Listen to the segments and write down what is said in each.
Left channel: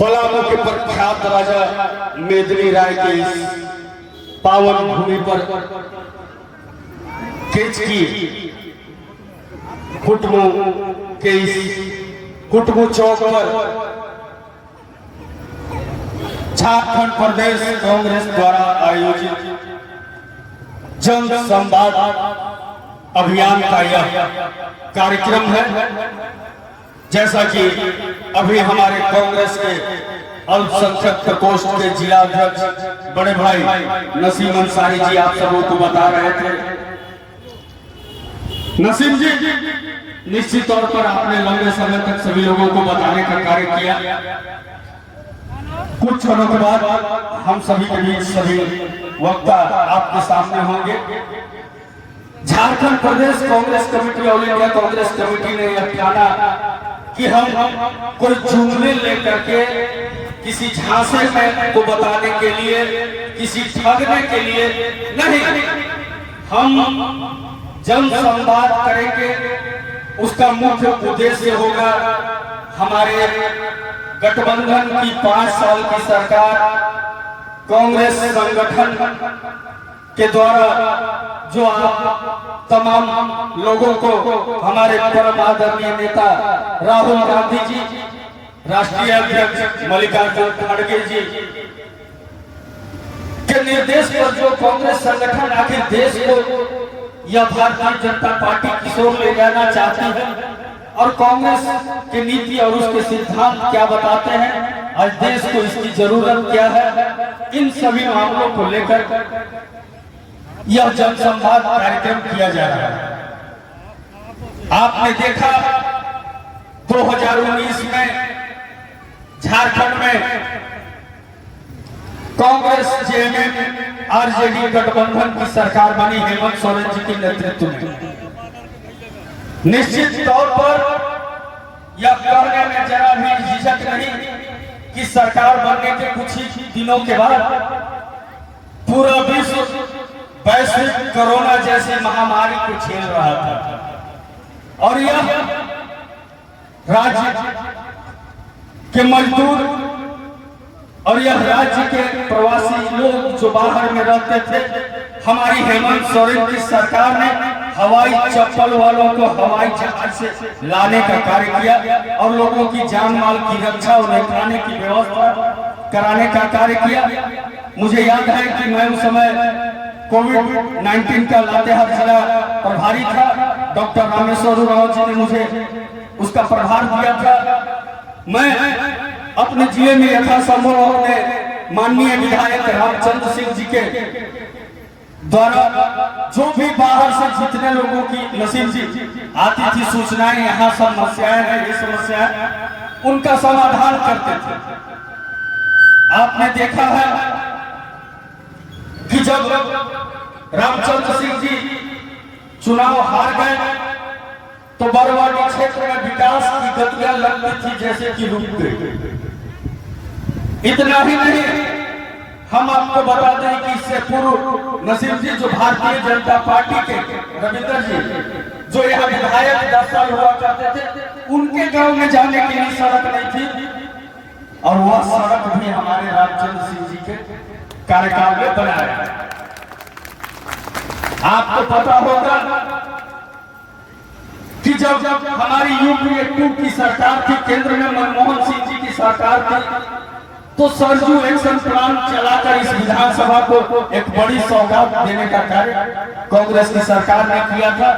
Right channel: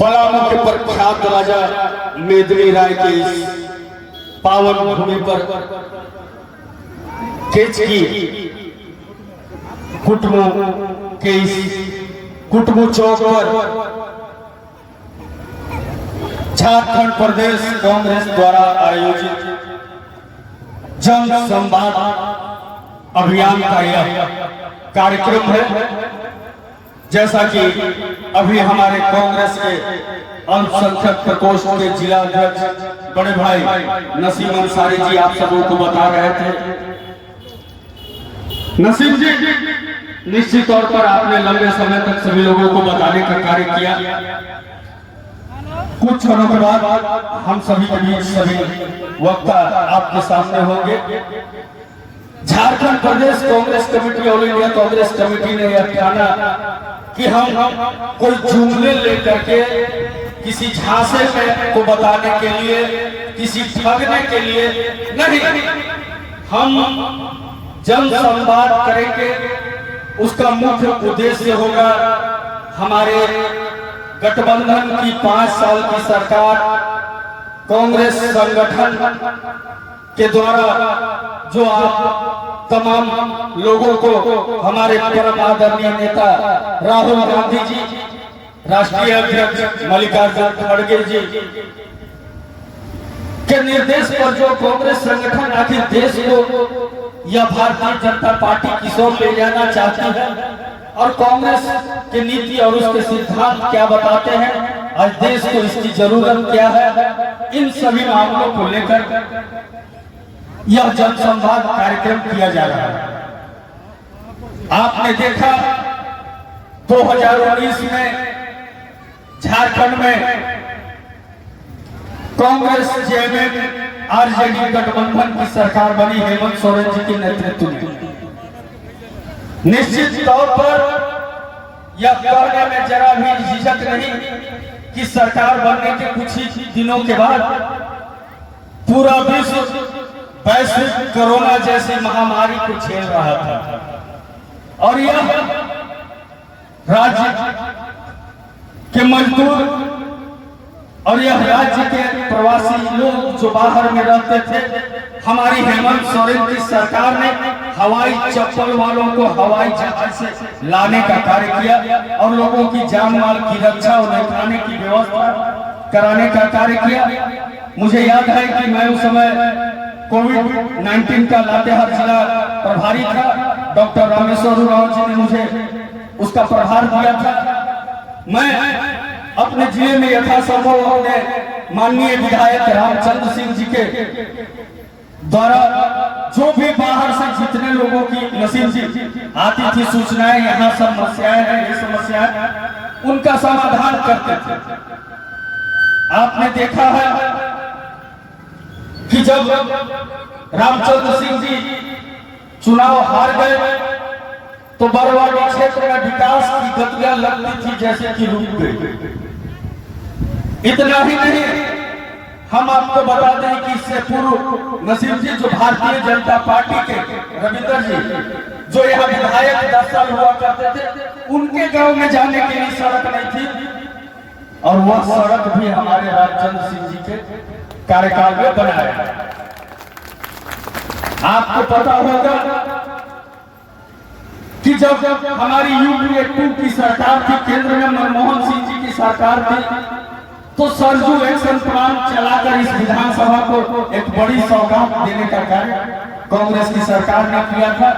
पलामू के प्रख्यात राजा मेदिनी राय के इस पावन भूमि पर केचकी कुटुंबों के इस कुटुंबों चौक पर झारखंड प्रदेश कांग्रेस द्वारा आयोजित जन संवाद अभियान का यह कार्यक्रम है। जैसा कि अभी हमारे कांग्रेस के अल्पसंख्यक प्रकोष्ठ के जिला अध्यक्ष बड़े भाई नसीम अंसारी जी आप सबों को बता रहे थे। नसीम जी, निश्चित तौर पर आपने लंबे समय तक सभी लोगों को बताने का कार्य किया। कुछ क्षणों के बाद हम सभी के बीच सभी वक्ता आपके सामने होंगे। Jharkhand Pradesh Congress committee, all India Congress committee ने यह ठाना कि हम कोई जुमले लेकर के किसी झांसे में को बताने के लिए, किसी ठगने के लिए नहीं, हम जन संवाद करेंगे। उसका मुख्य उद्देश्य होगा हमारे गठबंधन की 5 साल की सरकार कांग्रेस संगठन के द्वारा जो आप तमाम लोगों को हमारे परम आदरणीय नेता राहुल गांधी जी, राष्ट्रीय अध्यक्ष मल्लिकार्जुन खड़गे जी के निर्देश पर जो कांग्रेस संगठन आखिर देश को या भारतीय जनता पार्टी की ओर ले जाना चाहती है और कांग्रेस की नीति और उसके सिद्धांत क्या बताते हैं, आज देश को इसकी जरूरत क्या है, इन सभी मामलों को लेकर यह जनसंवाद कार्यक्रम किया जा रहा है। आपने देखा 2019 में झारखंड में कांग्रेस जेएमएम आरजेडी गठबंधन की सरकार बनी हेमंत सोरेन जी के नेतृत्व में। निश्चित तौर पर यह कहने में जरा भी झिझक नहीं कि सरकार बनने के कुछ ही दिनों के बाद पूरा विश्व वैश्विक कोरोना जैसी महामारी को झेल रहा था और यह राज्य के मजदूर और यह राज्य के प्रवासी लोग जो बाहर में रहते थे, हमारी हेमंत सोरेन की सरकार ने हवाई चप्पल वालों को हवाई जहाज से लाने का कार्य किया और लोगों की जान माल की रक्षा और निगरानी की व्यवस्था कराने का कार्य किया। मुझे याद है कि मैं उस समय कोविड-19 का लातेहार जिला प्रभारी था। डॉक्टर रामेश्वर उरांव जी ने मुझे उसका प्रभार दिया था। मैं अपने जिले में यथा समूह ने माननीय विधायक रामचंद्र सिंह जी के द्वारा जो भी बाहर से जितने लोगों की नसीम जी आती थी सूचनाएं, यहाँ समस्याएं हैं, ये समस्याएं, उनका समाधान करते थे। आपने देखा है कि जब रामचंद्र सिंह जी चुनाव हार गए तो बरवाड़ी क्षेत्र में विकास की गतियां लगती थी जैसे कि रुक गई। इतना ही नहीं, हम आपको बता दें कि इससे पूर्व नसीम जी जो भारतीय जनता पार्टी के रविंद्र जी जो यहाँ विधायक 10 साल हुआ करते थे, उनके गांव में जाने के लिए सड़क नहीं थी और वह सड़क भी हमारे रामचंद्र सिंह जी के कार्यकाल में बनाया। आपको पता होगा कि जब हमारी यूपीए 2 की सरकार थी, केंद्र में मनमोहन सिंह जी की सरकार थी, तो सरजू एक्शन प्लान चलाकर इस विधानसभा को एक बड़ी सौगात देने का कार्य कांग्रेस की सरकार ने किया था।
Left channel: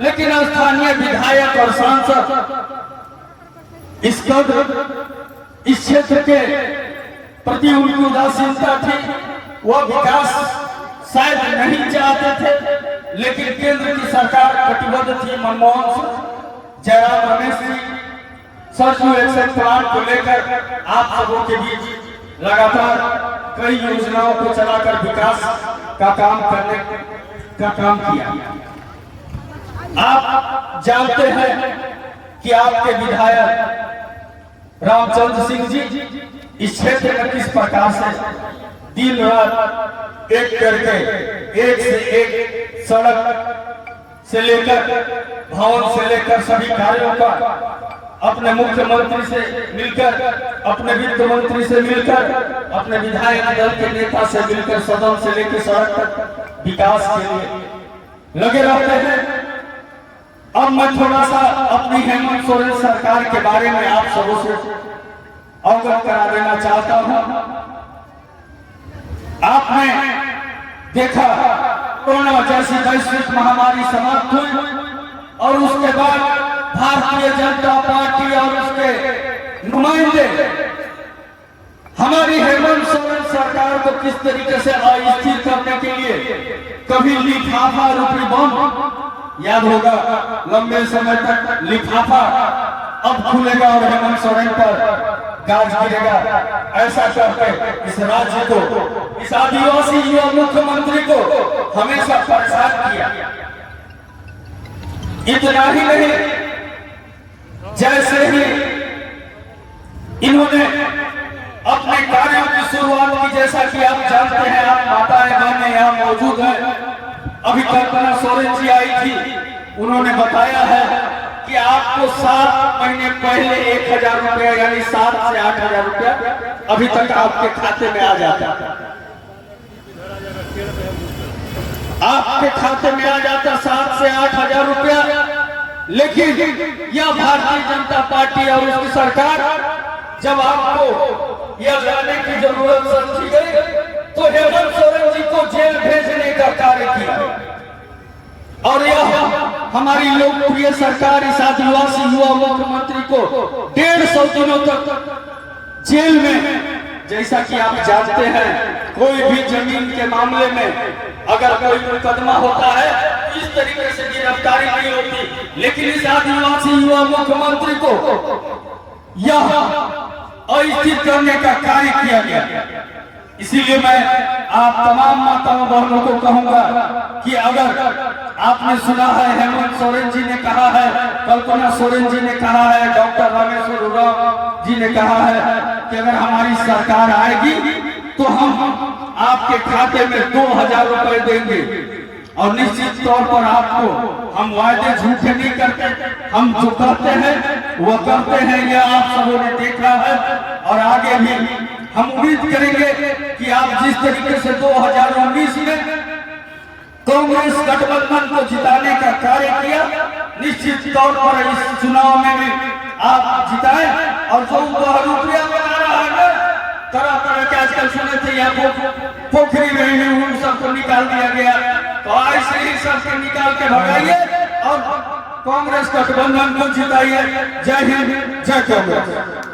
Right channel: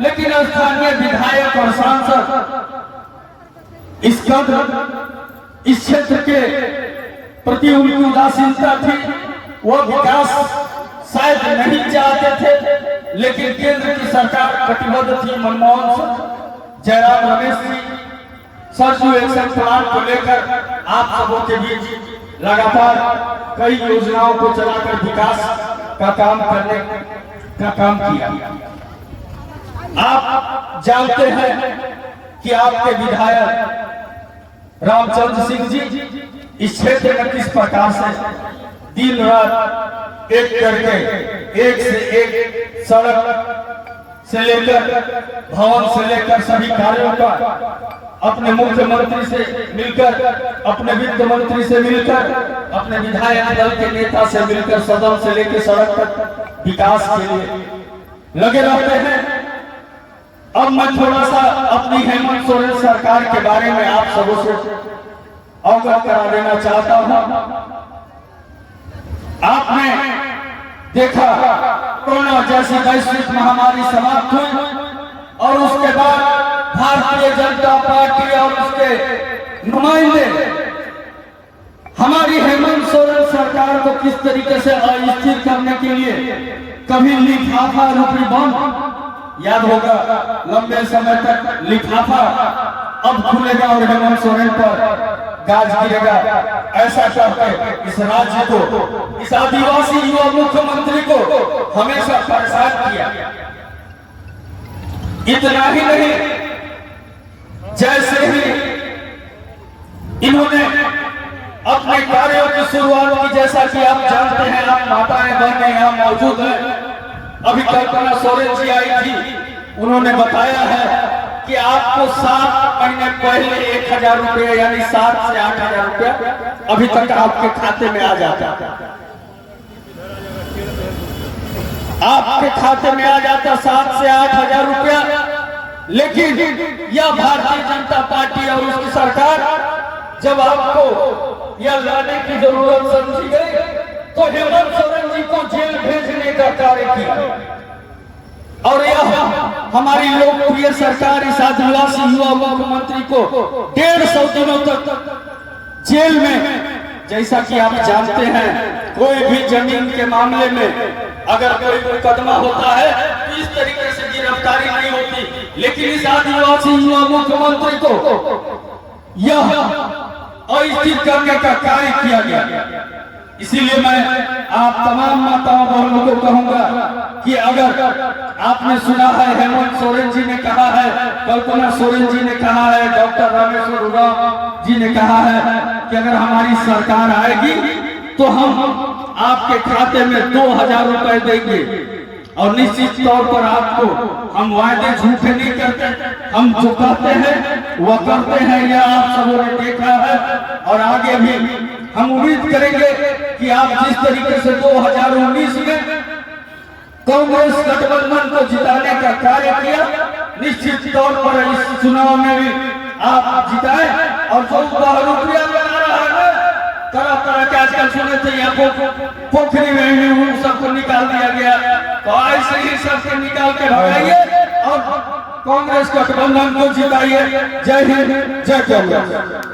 लेकिन स्थानीय विधायक और सांसद इस कदर इस क्षेत्र के प्रति उनकी उदासीनता थी, वह विकास शायद नहीं चाहते थे, लेकिन केंद्र की सरकार कटिबद्ध थी। मनमोहन सिंह, जयराम रमेश जी सरजू एक्शन प्लान को लेकर आप सबों के बीच लगातार कई योजनाओं को चलाकर विकास का काम करने का काम किया। आप जानते हैं कि आपके विधायक रामचंद्र सिंह जी इस क्षेत्र में किस प्रकार से दिन रात एक करके एक से एक सड़क से लेकर भवन से लेकर सभी कार्यों का अपने मुख्यमंत्री से मिलकर, अपने वित्त मंत्री से मिलकर, अपने विधायक दल के नेता से मिलकर सदन से लेकर सड़क तक विकास के लिए लगे रहते हैं। अब मैं थोड़ा सा अपनी हेमंत सोरेन सरकार के बारे में आप सबों से अवगत करा देना चाहता हूं। आपने देखा कोरोना जैसी वैश्विक महामारी समाप्त हुई और उसके बाद भारतीय जनता पार्टी और उसके नुमाइंदे हमारी हेमंत सोरेन सरकार को किस तरीके से अस्थिर करने के लिए कभी लिफाफा रूपी बम, याद होगा लंबे समय तक लिफाफा अब खुलेगा और हेमंत सोरेन पर गाज गिरेगा, ऐसा करके इस राज्य को, इस आदिवासी युवा मुख्यमंत्री को हमेशा परेशान किया। इतना ही नहीं, जैसे ही इन्होंने अपने कार्यों की शुरुआत की, जैसा कि आप जानते हैं, आप माताएं बहनें यहाँ मौजूद हैं, अभी कल्पना सोरेन जी आई थी, उन्होंने बताया है कि आपको 7 महीने पहले 1000 रुपया यानी 7 से 8000 रुपया अभी तक आपके खाते में आ जाता है, आपके खाते में आ जाता 7 से 8000 रुपया। लेकिन यह भारतीय जनता पार्टी और उसकी सरकार जब आपको यह लाने की जरूरत समझी गई तो हेमंत सोरेन जी को जेल भेजने का कार्य किया और यह हमारी लोकप्रिय सरकार इस आदिवासी युवा मुख्यमंत्री को 150 दिनों तक जेल में, जैसा कि आप जानते हैं कोई भी जमीन के मामले में अगर कोई मुकदमा होता है इस तरीके से गिरफ्तारी नहीं होती, लेकिन इस आदिवासी युवा मुख्यमंत्री को यह अस्थिर करने का कार्य किया गया। इसीलिए मैं आप तमाम माताओं बहनों को कहूंगा कि अगर आपने सुना है हेमंत सोरेन जी ने कहा है, कल्पना सोरेन जी ने कहा है, डॉक्टर रामेश्वर उरांव जी ने कहा है कि अगर हमारी सरकार आएगी तो हम आपके खाते में 2000 रुपए देंगे और निश्चित तौर पर आपको हम वायदे झूठे नहीं करते, हम जो कहते हैं वह करते हैं, यह आप सबों ने देखा है और आगे भी हम उम्मीद करेंगे कि आप जिस तरीके से 2019 में कांग्रेस गठबंधन को जिताने का कार्य किया, निश्चित तौर पर इस चुनाव में भी आप जिताएं और जो रुपया बना रहा है तरह तरह के आजकल सुने थे यहाँ पोखरी में ही सबको निकाल दिया गया, तो ऐसे ही सबको निकाल के भगाइए और कांग्रेस गठबंधन को जिताइए। जय हिंद, जय कांग्रेस।